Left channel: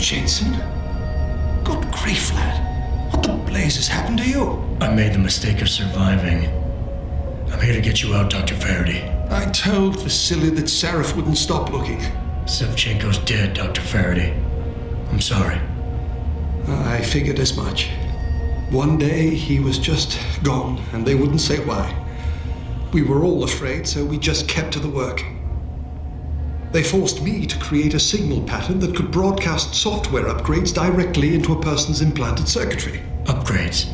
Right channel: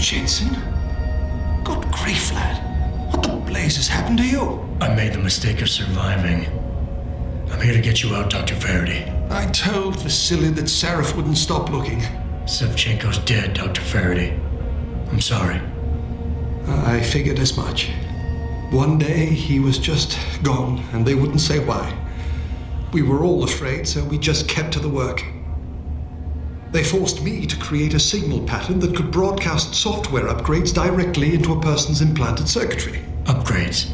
Jensen? Good grief, lad. What the blazes happened to you? I made the mistake of surviving. I'm here to get you out, Dr. Faraday. I told Vasily that Sarif wouldn't stop looking. Sevchenko's dead, Dr. Faraday. I'm sorry. I figured as much. One day he was just gone, and they wouldn't say why. We were all afraid, so we just kept to the work. They forced me to create a signal pattern that could broadcast software upgrades directly into a person's implanted circuitry. Upgrades?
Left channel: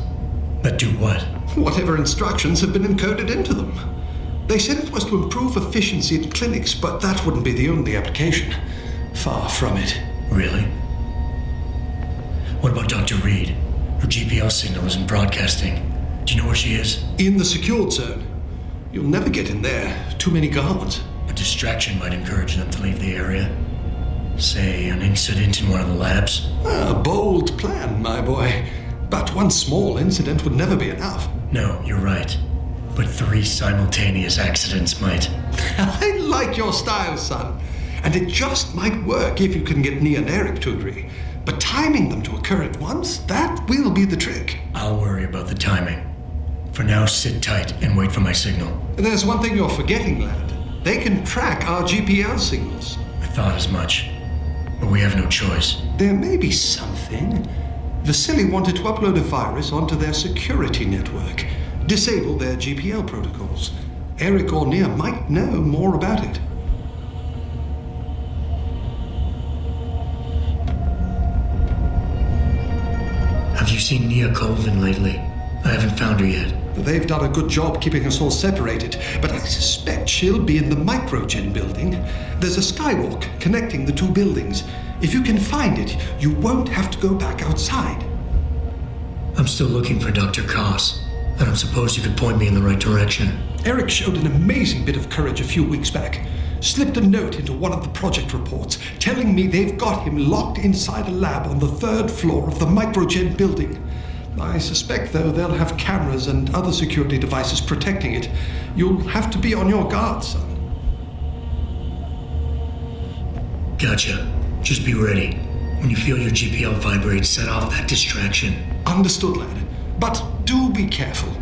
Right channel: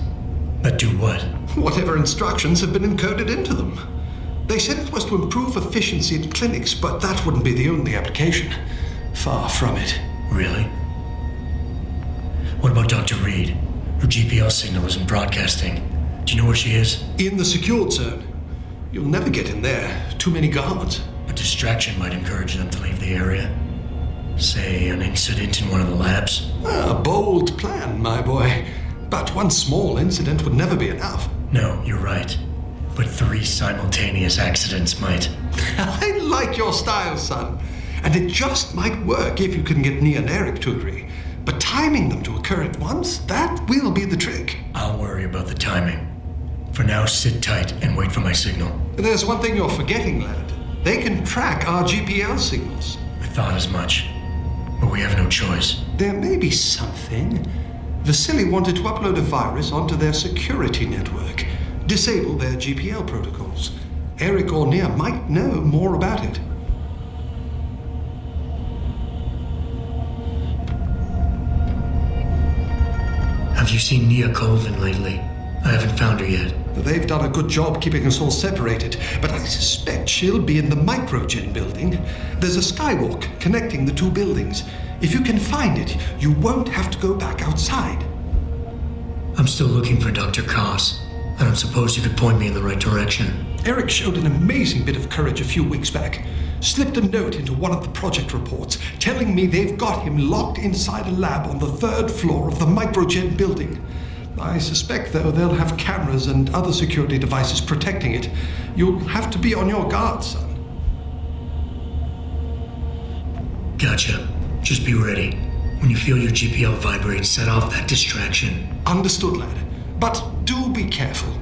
That do what? Whatever instructions have been encoded into them. They said it was to improve efficiency at clinics, but that wouldn't be the only application. Far from it. Really? What about Dr. Reed? Her GPL signal isn't broadcasting. Do you know where she is? In the secured zone. You'll never get in there. Too many guards. A distraction might encourage them to leave the area. Say, an incident in one of the labs. A bold plan, my boy. But one small incident would never be enough. No, you're right. But 3 simultaneous accidents might. I like your style, son. And it just might work if you can get Nia and Eric to agree. But timing them to occur at once, that will be the trick. I'll worry about the timing. For now, sit tight and wait for my signal. There's one thing you're forgetting, lad. They can track our GPL signals. I thought as much. But we have no choice. There may be something. Vasily wanted to upload a virus onto their security network, disable their GPL protocols. Eric or Nia might know more about it. Have you seen Nia Colvin lately? I haven't found her yet. They've done a good job keeping us all separated, but I suspect she'll be in the Microgen building. There's a skywalk connecting the 2 buildings. If you can find it, you won't have to go back outside. I'm still looking for Dr. Koss. I don't suppose you could point me in the right direction. Eric showed an amazing bit of courage a few weeks back. Slipped a note into one of the project reports telling me they've got him locked inside a lab on the 3rd floor of the Microgen building. I suspect, though, they'll have cameras and other security devices protecting it. You'll have to be on your guard, son. Gotcha. Just be ready. When you feel your GPL vibrate, set off that distraction. Understood, lad. But do be careful.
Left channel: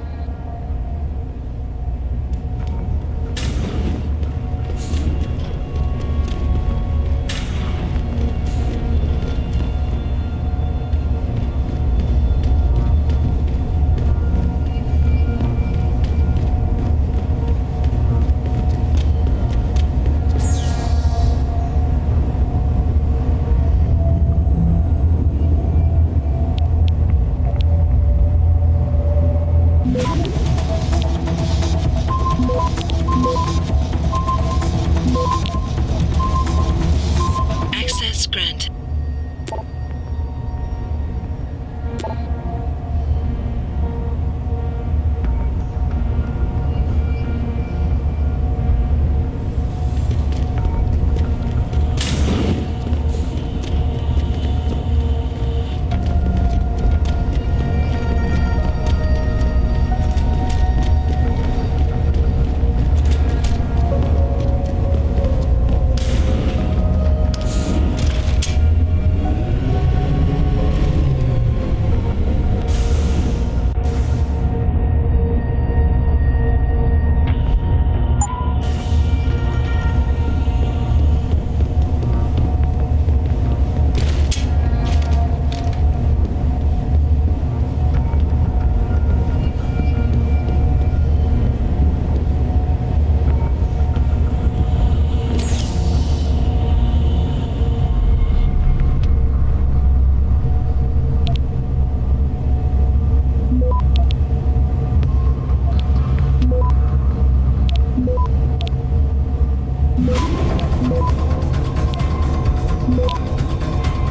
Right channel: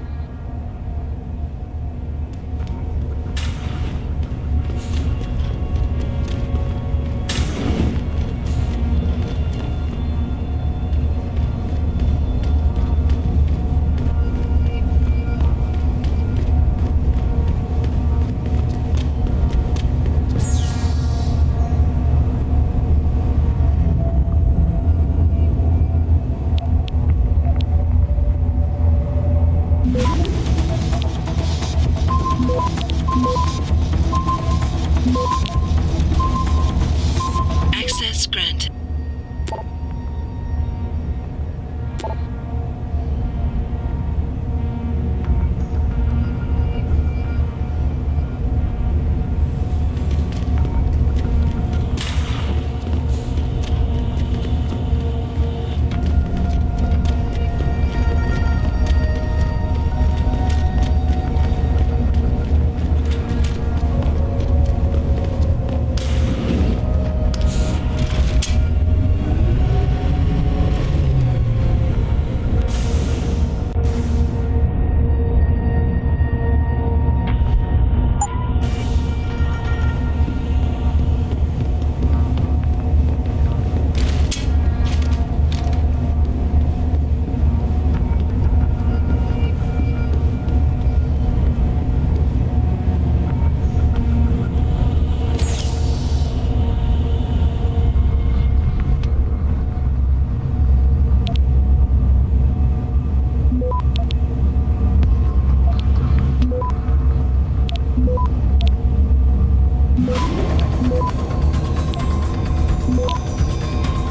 Access granted.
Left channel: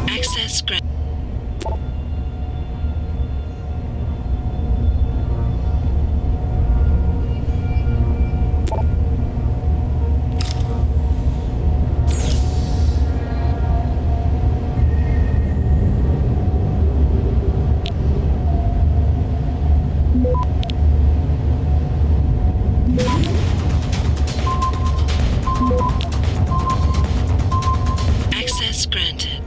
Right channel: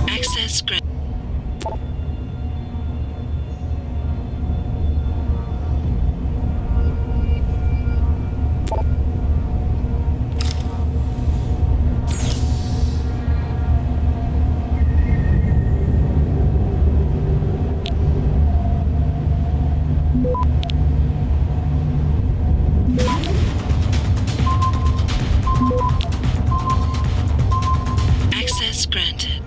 Access granted. Access granted.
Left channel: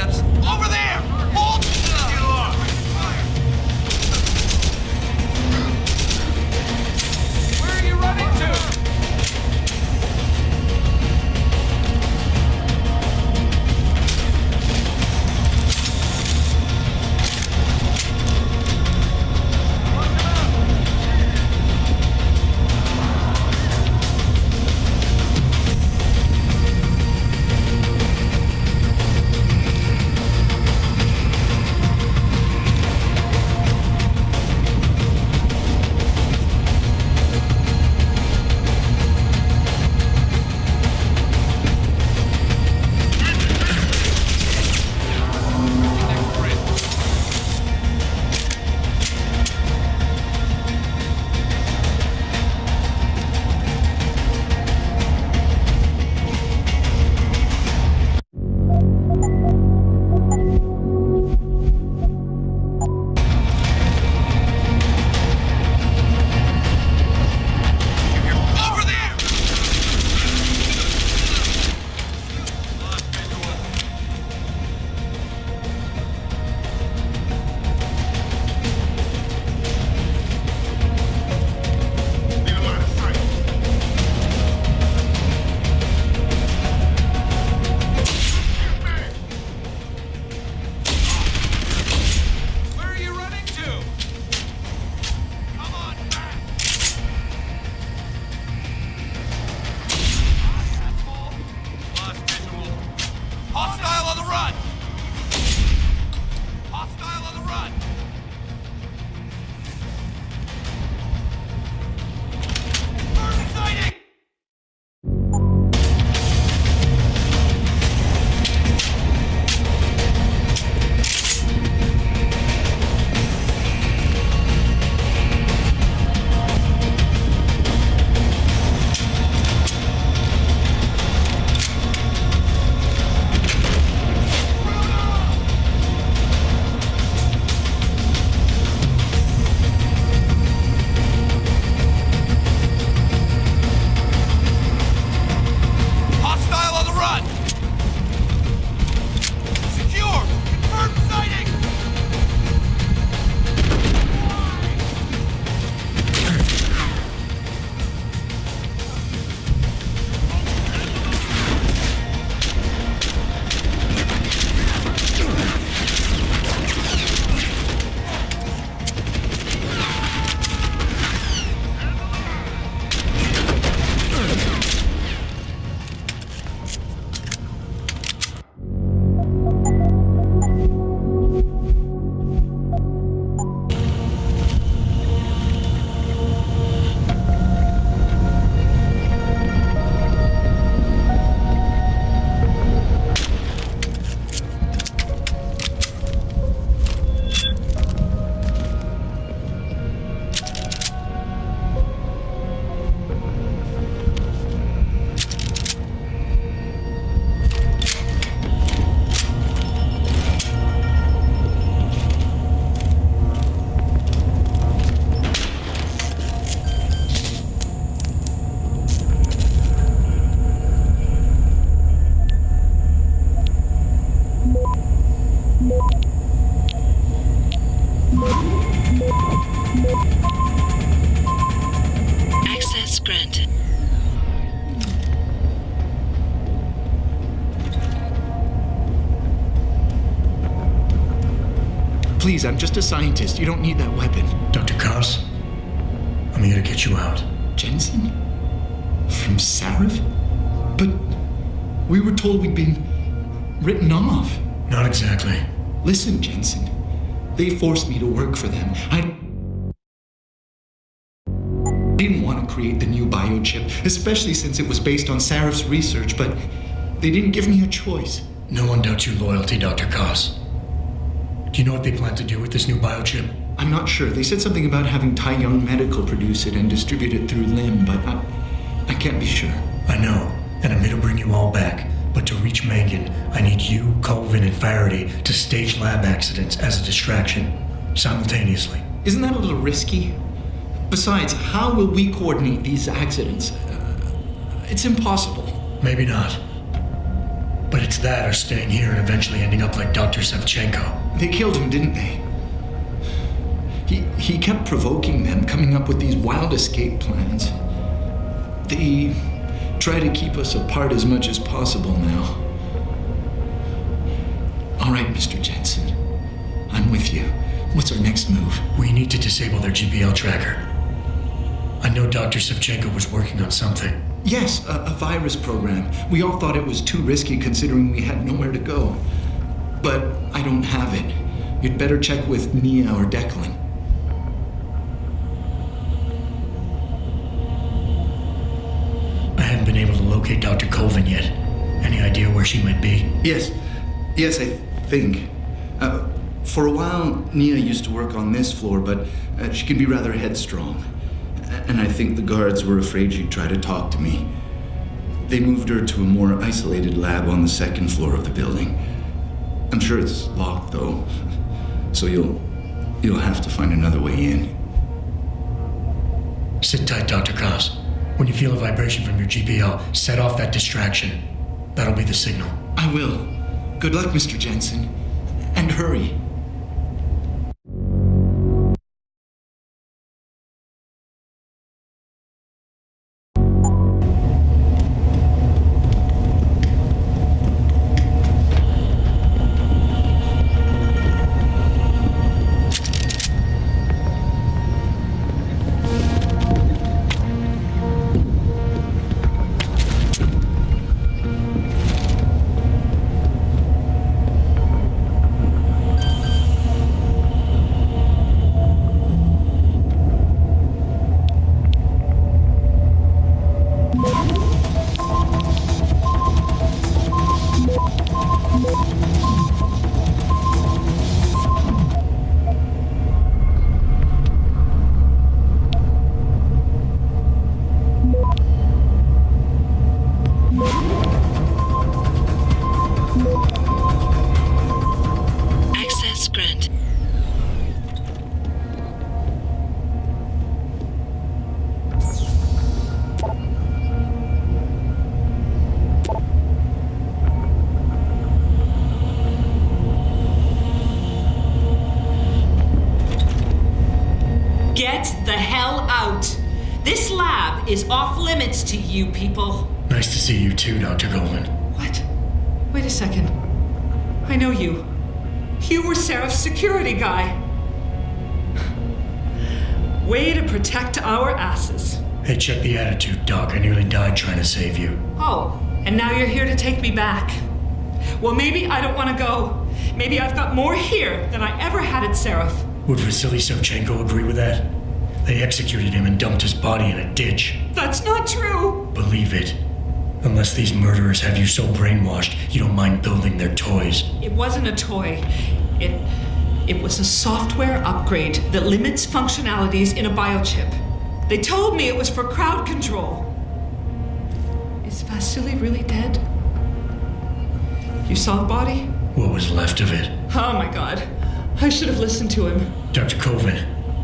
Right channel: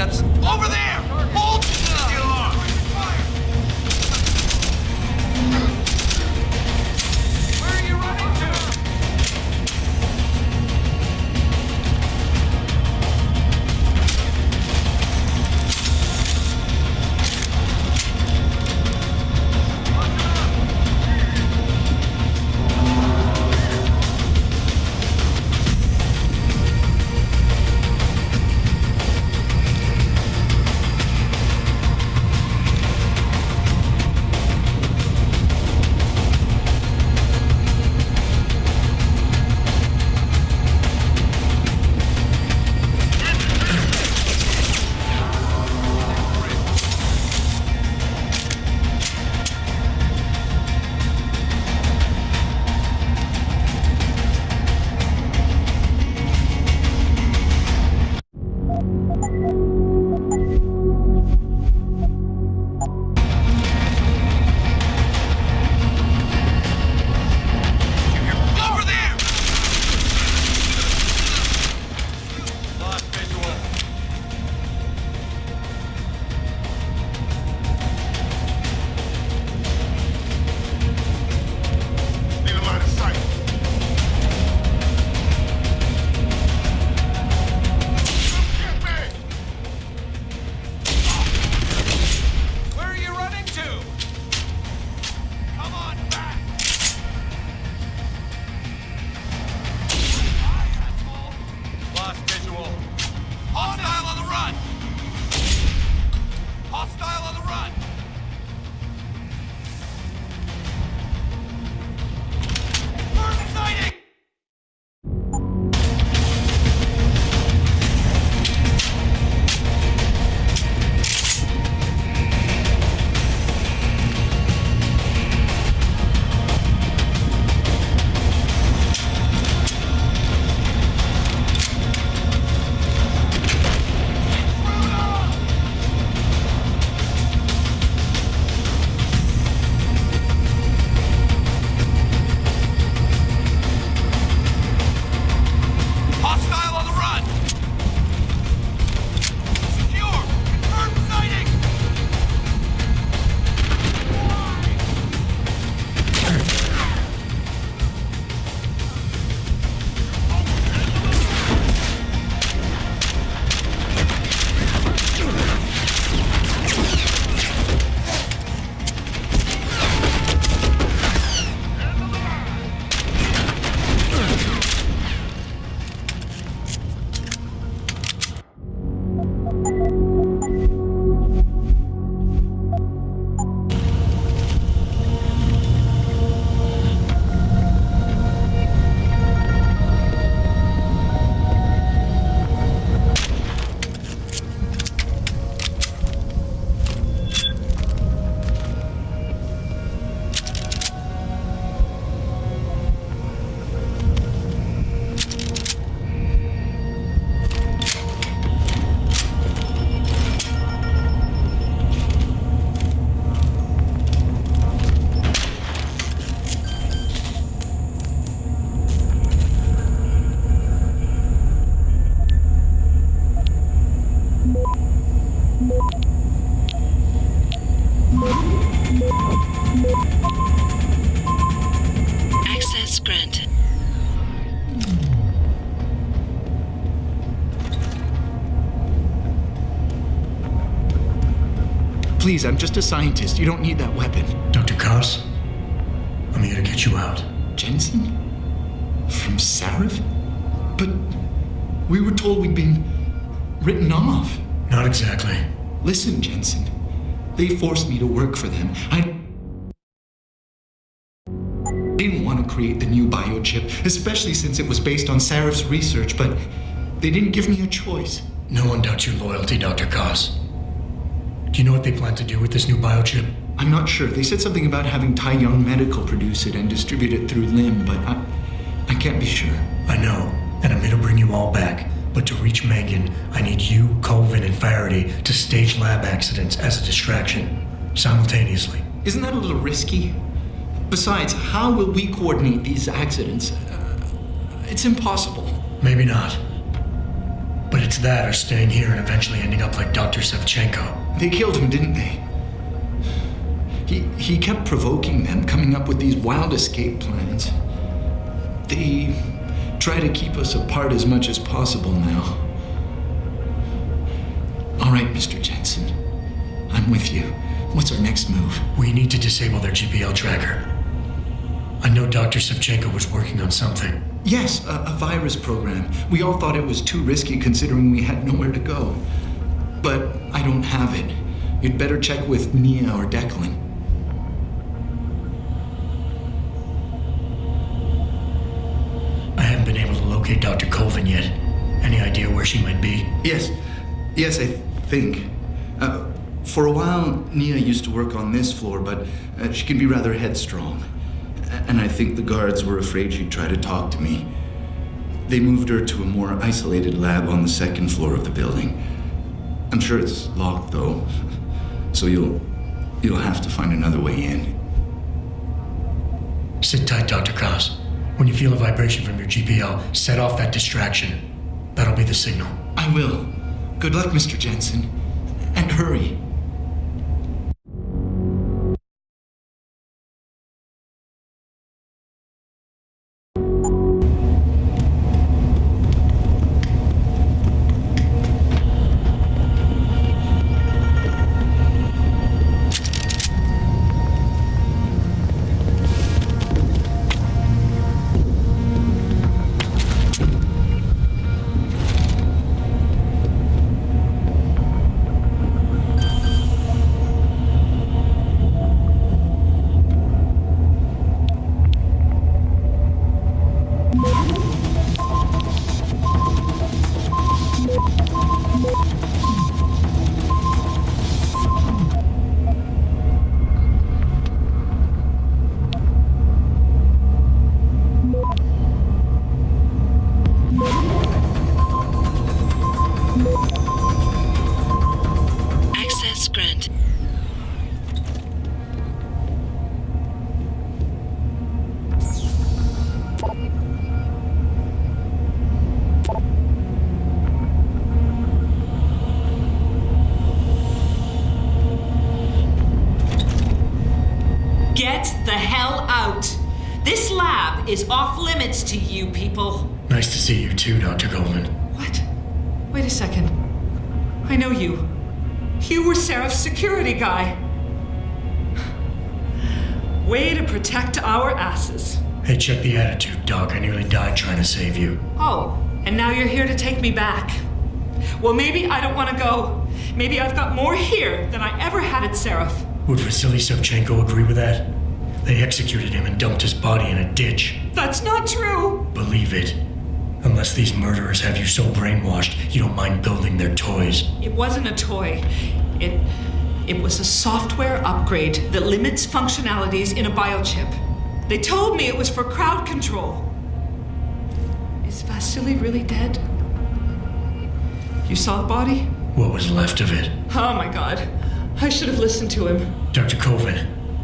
footsteps. Over there! Hold! Get along. Where are you running to? Over there! Lost visual. Need a line of sight. Where are you running to? Come on back! Lost visual. Hostile on the run! Hostile on the run! Firm sighting! Hostile on the run! Secure! Confirmed sighting! Access granted. Please, I'm just a scientist. You don't need that weapon. Dr. Koss, I'm here to get you out. Jensen? From Sarif? But we were told we'd been written off. Not exactly. Listen, Jensen. They forced me to work for them. I didn't want to create the new biochip, especially since it was based on Sarif's research, but they didn't give me a choice. No one doubts your loyalty, Dr. Koss. Do you know what they plan to do with this new biochip? I'm not sure. They said something about having Tai Young Medical produce it and distribute it through LIM, but I can't be sure. I know, and I'm here to bring you all back. But to reach Megan, I need you, Colvin, and Faraday to stage lab accidents as a distraction, simultaneously. Isn't that a little risky? Besides, how will we coordinate these accidents? It's impossible. Maybe not. But But it's that or staying here and eventually ending up like Dr. Sevchenko. They killed him, didn't they? He kept provoking them, coming up with these wild escape plans. They try to keep us apart as much as possible now. All right, Mr. Jensen. I'm with you. What's our next move? We need to disable their GPL tracker. I know Dr. Sevchenko was working on something. Yes, a virus program. We all thought it was too risky considering we had nowhere to go. But I don't have it. You'd better check with Nia or Declan. I haven't been able to locate Dr. Colvin yet. Any idea where she might be? Yes, I think. For a while, Nia used to work on this floor, but she can be rather headstrong. And I think the guards were afraid she'd try to talk to me. They moved her to a more isolated lab on the second floor of the building. I'm sure it's locked, though, so you'll have to find another way in. Sit tight, Dr. Koss. When you feel a vibration from your GPL, set off that distraction. That'll be the signal. I will. Good luck, Mr. Jensen. And hurry. Access granted. Get the hell out! This lab is off limits to you people. Nice to see you too, Dr. Goldman. What? Wait a second. I know you. You were Seraph's security guy. Way to protect our asses. Hey, check the attitude, Doc. I nearly died trying to save you. Oh, and now you're here to take me back. Well, maybe I don't want to go. Maybe I've got more here than I ever had at Seraph. Would Vasily Sevchenko agree with that? They executed him and dumped his body in a ditch. That's not true. Believe it. Unless these murderers have you so brainwashed, you don't mind building their toys. It wasn't a toy. It was a software upgrade that limits functionalities in a biochip. They told me it was for crowd control. Is Vasily really dead? You saw the body? What was left of it? Oh my God. I should have listened to him. Dr. Colvin,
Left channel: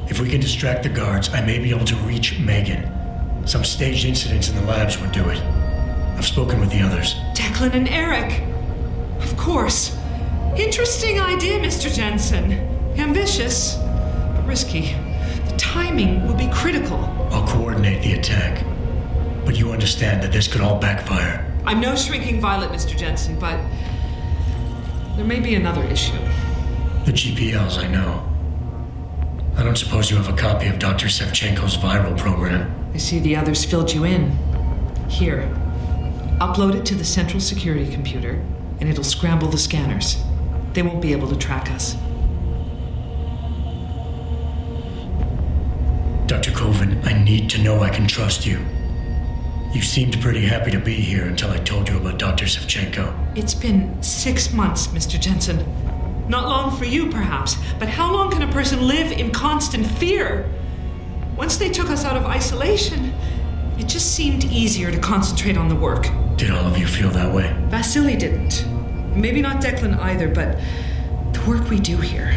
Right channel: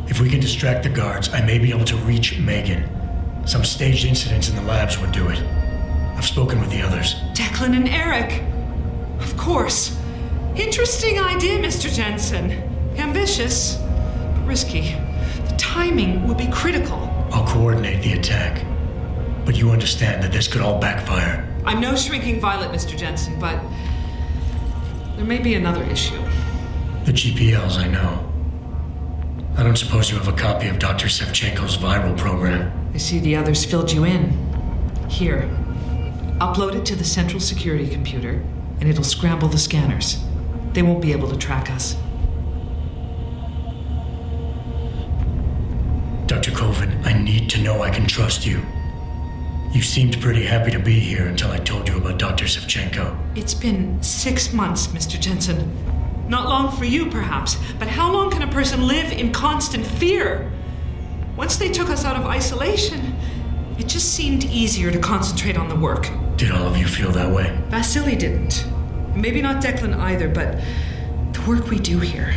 if we can distract the guards, I may be able to reach Megan. Some staged incidents in the labs would do it. I've spoken with the others. Declan and Eric. Of course. Interesting idea, Mr. Jensen. Ambitious, but risky. The timing will be critical. I'll coordinate the attack. But you understand that this could all backfire. I'm no shrinking violet, Mr. Jensen, but there may be another issue. The GPLs, I know. I don't suppose you have a copy of Dr. Sevchenko's viral program. I see the others filled you in. Here. Upload it to the central security computer, and it'll scramble the scanners. They won't be able to track us. Dr. Colvin, I need to know I can trust you. You seemed pretty happy to be here until I told you about Dr. Sevchenko. It's been 6 months, Mr. Jensen. Not long for you, perhaps, but how long can a person live in constant fear? Once they took us out of isolation, it just seemed easier to concentrate on the work. Did all of you feel that way? Vasily didn't. Maybe not Declan either, but the work we do here,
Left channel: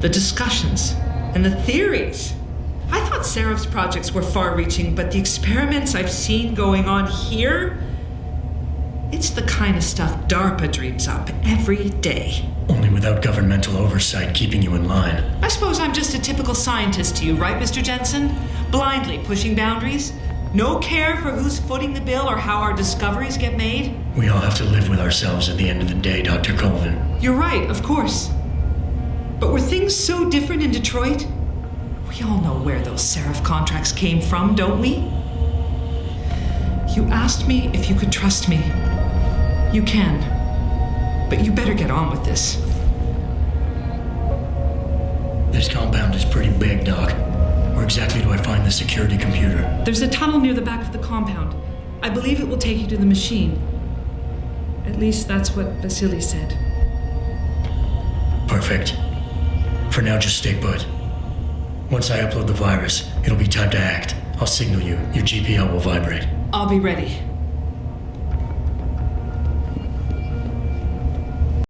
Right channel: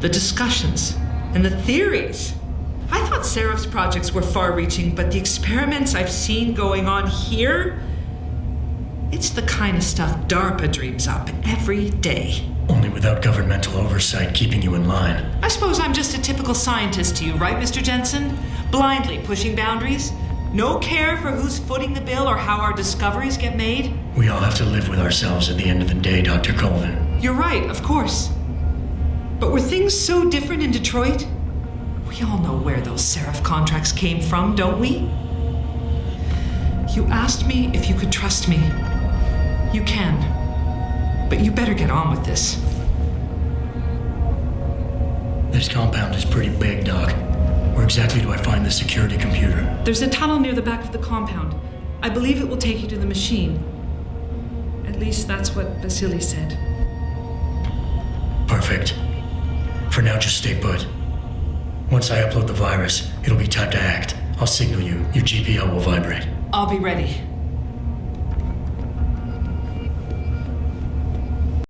the discussions, and the theories. I thought Seraph's projects were far-reaching, but the experiments I've seen going on here, It's the kind of stuff DARPA dreams up every day. Only without governmental oversight keeping you in line. I suppose I'm just a typical scientist to you, right, Mr. Jensen? Blindly pushing boundaries? No care for who's footing the bill or how our discoveries get made? We all have to live with ourselves at the end of the day, Dr. Colvin. You're right, of course. But were things so different in Detroit? We all know where those Seraph contracts came from, don't we? You asked me if you could trust me. You can. But you better get on with this. This compound is pretty big, Doc. Where exactly do I find the security computer? There's a tunnel near the back of the compound. I believe it will take you to the machine. At least that's what Vasily said. Perfect. For now, just stay put. Once I upload the virus, it'll be time to act. I'll signal you. Your GPL will vibrate. I'll be ready.